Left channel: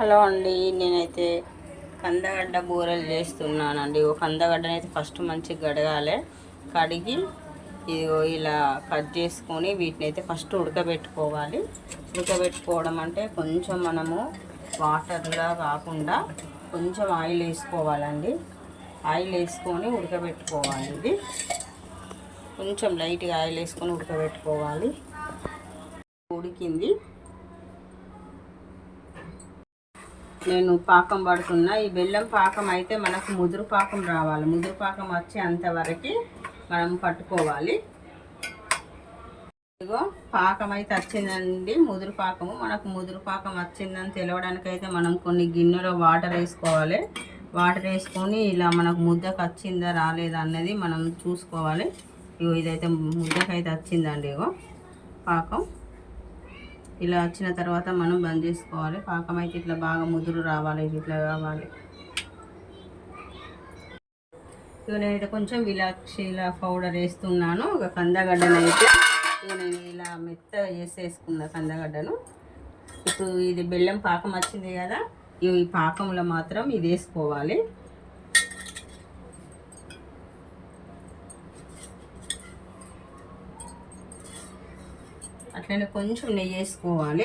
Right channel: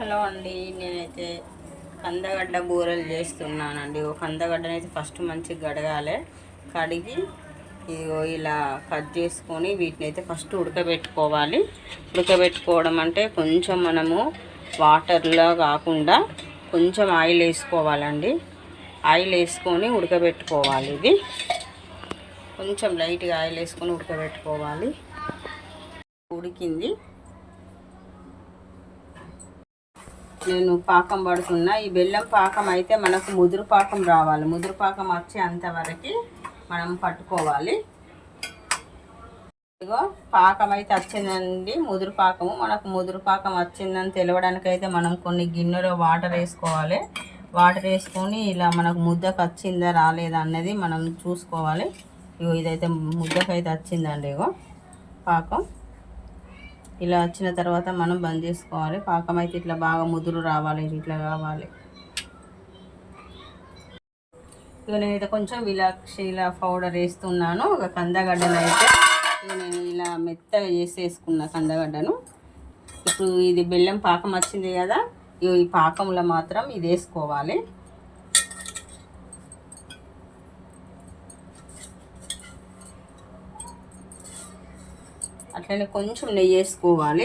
Hello అండి నేనైతే కందగడ్డ బూరెలు చేస్తున్నానండి. ఓ కందగడ్డని అయితే ఫస్ట్ మంచిగా కడగాలి. కడిగి ఇదిగో ఇలా కట్ చేసుకొని వీటిని అయితే ఫస్ట్ ఉడకబెట్టుకోవాలి. ఉడకబెట్టుకోవడం అంటే కొంచెం మనము వాటర్లో కాకుండా కొంచెం ఆయిల్ వేసుకోవాలండి. ఆయిల్ వేసుకొని ఉడకబెట్టుకోవాలి ఇది. కొంచెం లైట్గా ఆయిల్ వేసుకొని ఉడకబెట్టుకోవాలి. ఉడికింది. నేను పాకం పడుతున్నా. ఈ బెల్లం పాకం అయితే మనకు ముదురు పాకం రావాలి. ముదురు పాకం వచ్చే అంతవరకు మనం పట్టుకోవాలి. ఇదిగో పాకం అయితే వచ్చిందండి. ముదురు పాకము. మనకు ముదురు పాకం వచ్చిందని తెలవడానికి అయితే మనం కొన్ని గిన్నెలో వాటర్ వేసుకోవాలి. వాటర్ వేసుకొని ఇలా మనకు ముద్దకు వచ్చిందా రాలేదా అన్నది మనం చూసుకోవాలి. ఇగో ఇదైతే ముద్దకు అయితే వచ్చిందండి ఇగో పాకం. ఇలా వచ్చిన తర్వాత మనం బంద్ చేసుకోవాలి. పాకం అయితే ఇట్లా బాగా ముదురు రావాలి ఇట్లా కావాలి. ఇక నేనైతే కొంచెం విలాక్షిల పౌడర్ వేస్తున్నాను. ఒక కందగడ్డను అయితే ఇక నేను ఇలా మెత్తగా చేసేసుకున్న కందగడ్డను. ఇప్పుడు ఇది బెల్లం పాకం వచ్చింది కదా ఈ పాకంలో మాత్రం ఇది వేసుకోవాలి. అట్లనే కొంచెం నెయ్యి వేసుకోవాలి.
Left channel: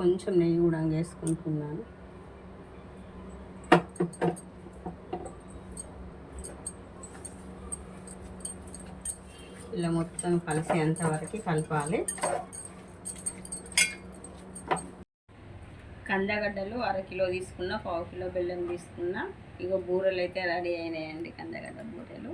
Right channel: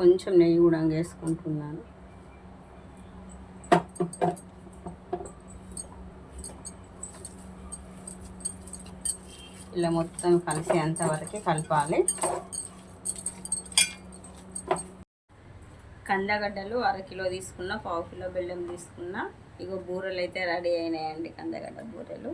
కొంచెం నెయ్యి కూడా వేసుకుంటున్నాను. ఇలా మొత్తం కలిసి అంతవరకు కలపాలి. కందగడ్డలు అరకిలో తీసుకున్న పావు కిలో బెల్లం తీసుకున్న. ఇగో బూరెలు అయితే రెడీ అయినాయండి కందగడ్డ బూరెలు.